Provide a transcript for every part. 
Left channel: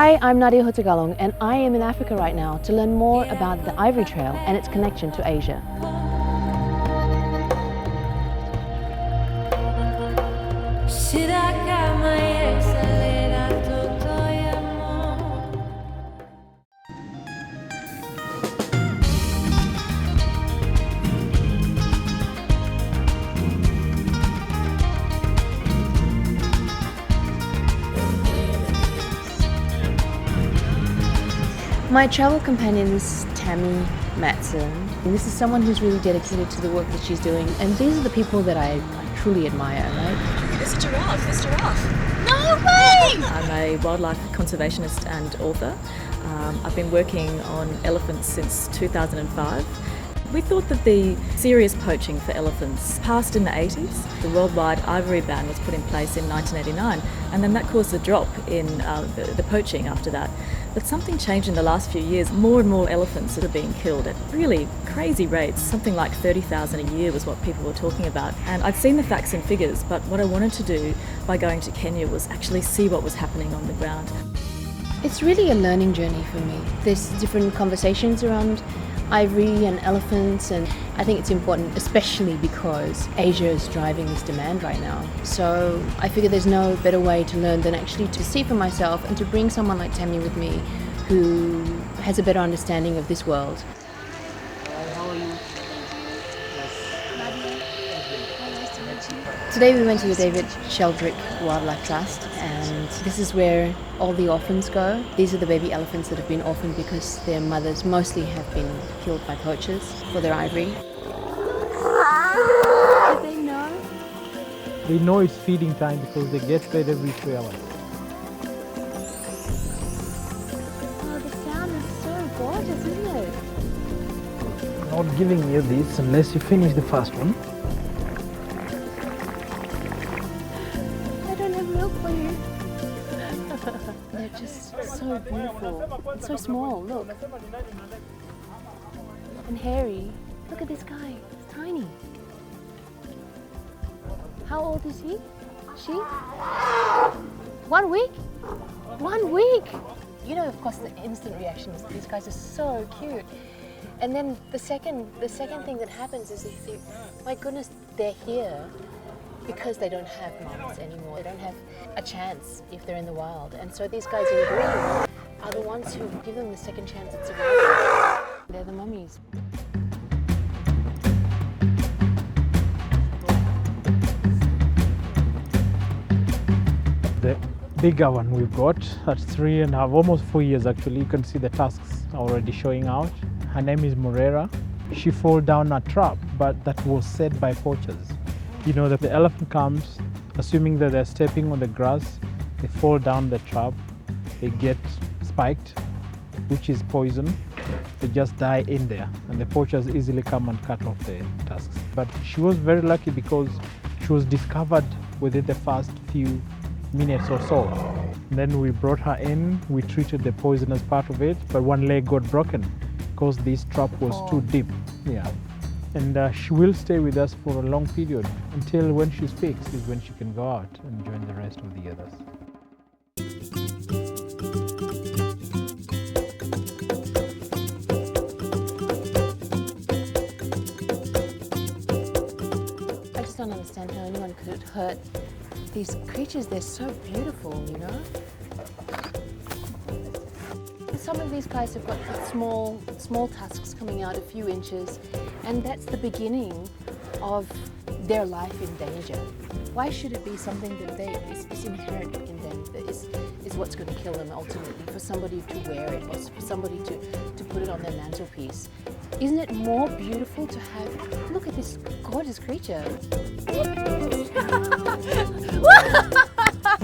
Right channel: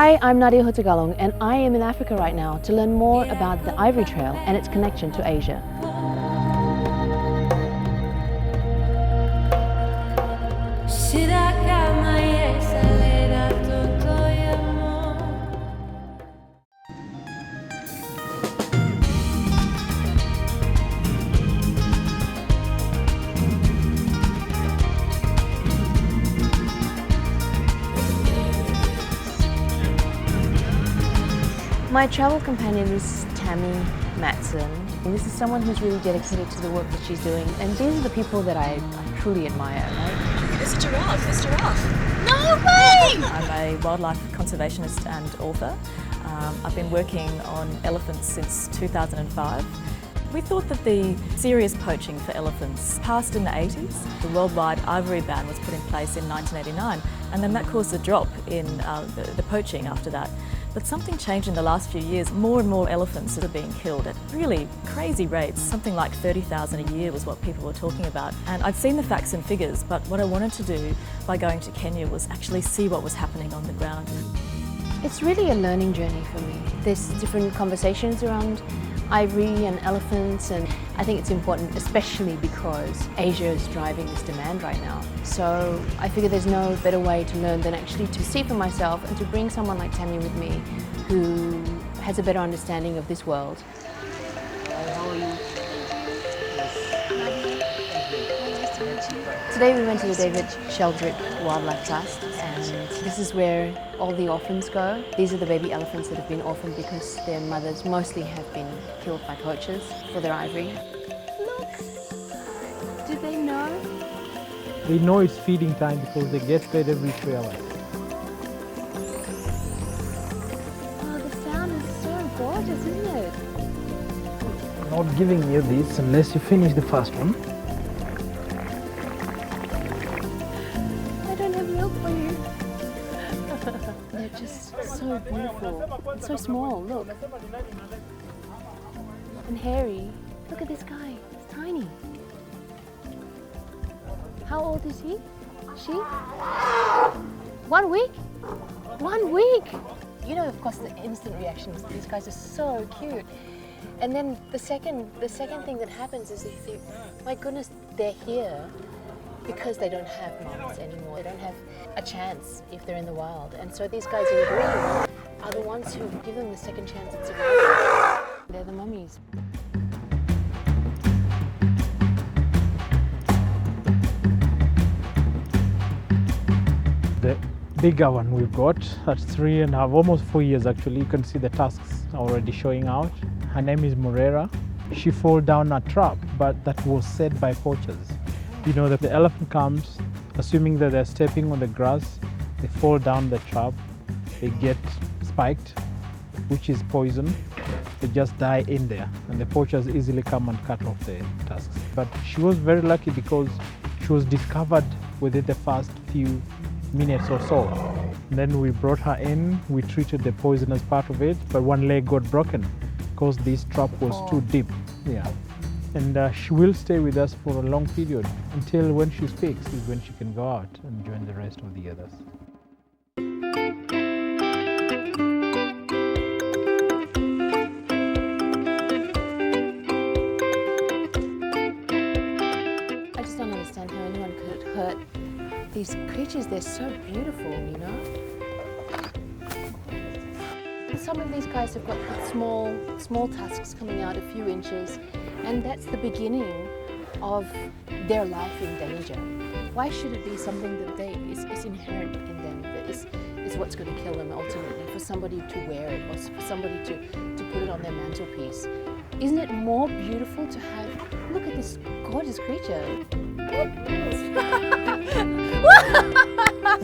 Hi, I'm Nadia Hutagalung and I am in Africa right now to learn more about the Ivory Trail and its connection to Asia. My travel companion is Tammy Matson. And this is someone who's really dedicated to the work that she's doing, and these are the people that I truly admire. Right? There's a giraffe, there's a giraffe. No way! I'm a wildlife conservationist and author. I've been working on elephants since 2005. We thought that the serious poaching for elephants passed in the 80s. The worldwide ivory ban was put in place in 1989, and then that caused a drop in the poaching after that. But something changed in the last few years. More and more elephants are being killed at really crazy rates. Something like 30,000 a year was what people were talking about. And I'd seen the facts and figures, but what I wanted to do by going to Kenya was actually see what was happening on the ground. It's really a learning journey for me. There's different conversations around ivory and elephants, and I think it's important, especially because Asia is driving this demand right now. So I figure there's no better way to learn than actually to see for myself and to bring someone like Tammy with me who has a better understanding of this world. How are you? Today we went to the David Sheldrick Wildlife Trust, and this is where all the orphans go. These are the baby elephants that have been orphaned because their mothers mostly have been killed by poachers for their ivory. Did they know? They know it's feeding time because they get fed every 3 hours. Oh, the sound is so gorgeous, isn't it? I'm not giving you this unless you finish the first one. I don't have milk for you. They're just so beautiful. It's so small, look. And hairy. Look at this guy, he's tiny. How old is he? She? 1 week? 1 week! You know, of course, the instant reaction is these guys are so cute. And then the second thing that happens is they think, my goodness, they're here because they don't have moms anymore. They don't have a chance if they're in the wild. And so these guys in green are the ones who give them the second chance at survival. They're the mummies. The bigger one we've got at 3.5, almost 4 years actually. You can see the tusks already showing out. Her name is Morera. She fell down a trap, but that was set by poachers. You know that the elephant comes, assuming that they're stepping on the grass, they fall down the trap, they get spiked, which is poison. They just die in there, and the poachers easily come and cut off the tusks. But she was very lucky because she was discovered within the first few minutes or so. Then we brought her in, we treated the poisonous part of it, but one leg got broken because this trap was too deep. Yeah. And she will stay with us for a long period until when she speaks is when she can go out and join the rest of the others. I just don't understand how anyone could hurt these creatures. They're so beautiful, you know? Some of these guys have got small tusks coming out a few inches, and that's the beginning of their life in danger. Why should it be something that is inherent in them, that is what's going to kill them ultimately, for somebody to wear it or for somebody to put it on their mantelpiece? Isn't it more beautiful to have, look at this gorgeous creature.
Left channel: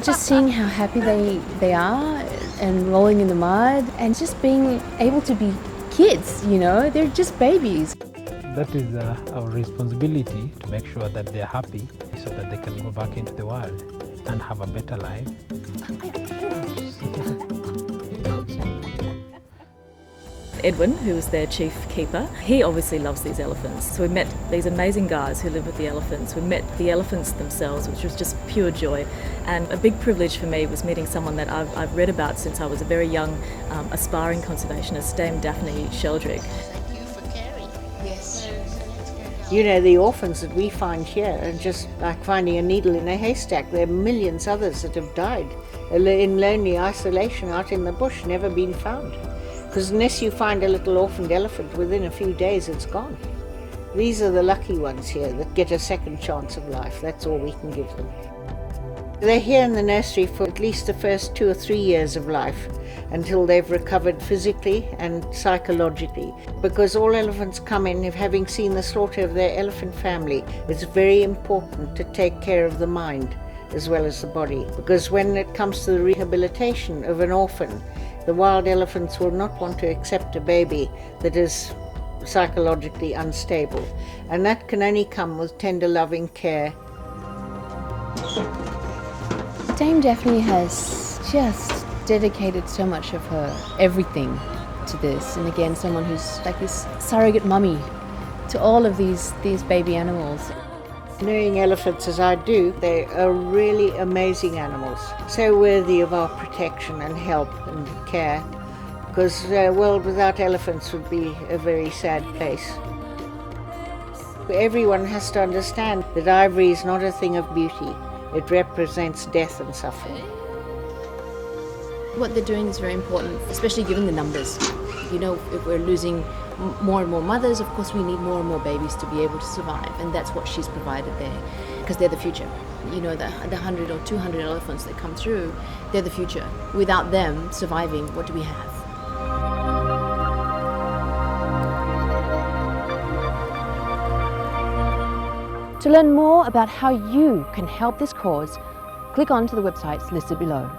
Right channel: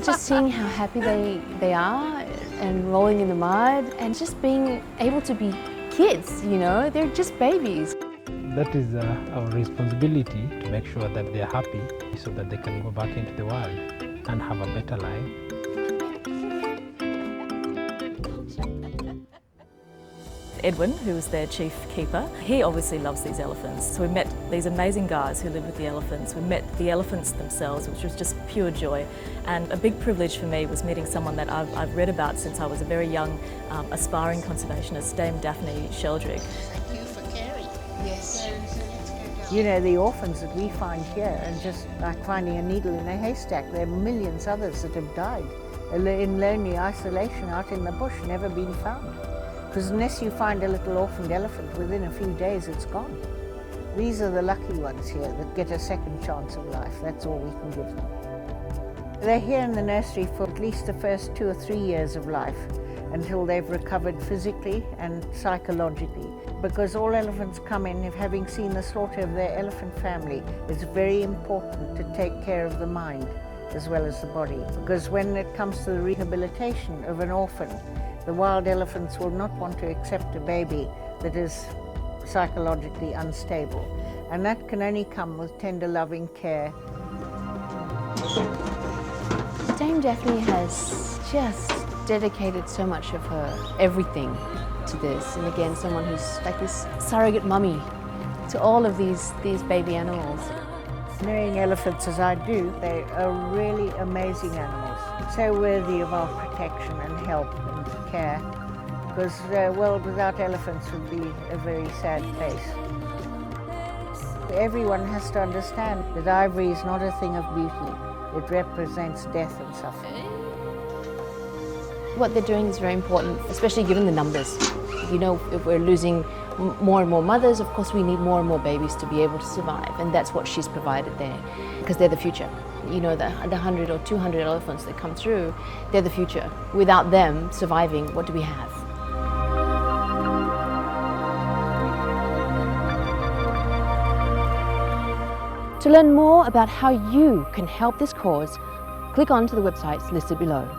Just seeing how happy they are and rolling in the mud and just being able to be kids, you know, they're just babies. That is our responsibility, to make sure that they're happy so that they can go back into the wild and have a better life. Edwin, who was their chief keeper, he obviously loves these elephants. So we met these amazing guys who live with the elephants. We met the elephants themselves, which was just pure joy. And a big privilege for me was meeting someone that I've read about since I was a very young, aspiring conservationist, Dame Daphne Sheldrick. Thank you for caring. Yes. So let's go down. You know, the orphans that we find here are just like finding a needle in a haystack. There are millions others that have died in lonely isolation out in the bush, never been found. Because unless you find a little orphaned elephant, within a few days it's gone. These are the lucky ones here that get a second chance of life. That's all we can give them. They're here in the nursery for at least the first 2 or 3 years of life, until they've recovered physically and psychologically. Because all elephants come in having seen the slaughter of their elephant family, it's very important to take care of the mind as well as the body. Because when it comes to the rehabilitation of an orphan, the wild elephants will not want to accept a baby that is psychologically unstable. And that can only come with tender, loving care. Dame Daphne has just dedicated so much of her everything to this, and again, someone who's like this surrogate mummy to all of these baby animals. Knowing elephants as I do, they are really amazing animals, so worthy of our protection and help and care, because a world without elephants would be a very sad place. Everyone has to understand that ivory is not a thing of beauty. It represents death and suffering. What they're doing is very important, especially given the numbers. You know, if we're losing more and more mothers, of course we need more and more babies to be able to survive, and that's what she's provided there, because they're the future. You know, the 100 or 200 elephants that come through, they're the future. Without them surviving, what do we have? To learn more about how you can help this cause, click on to the websites listed below.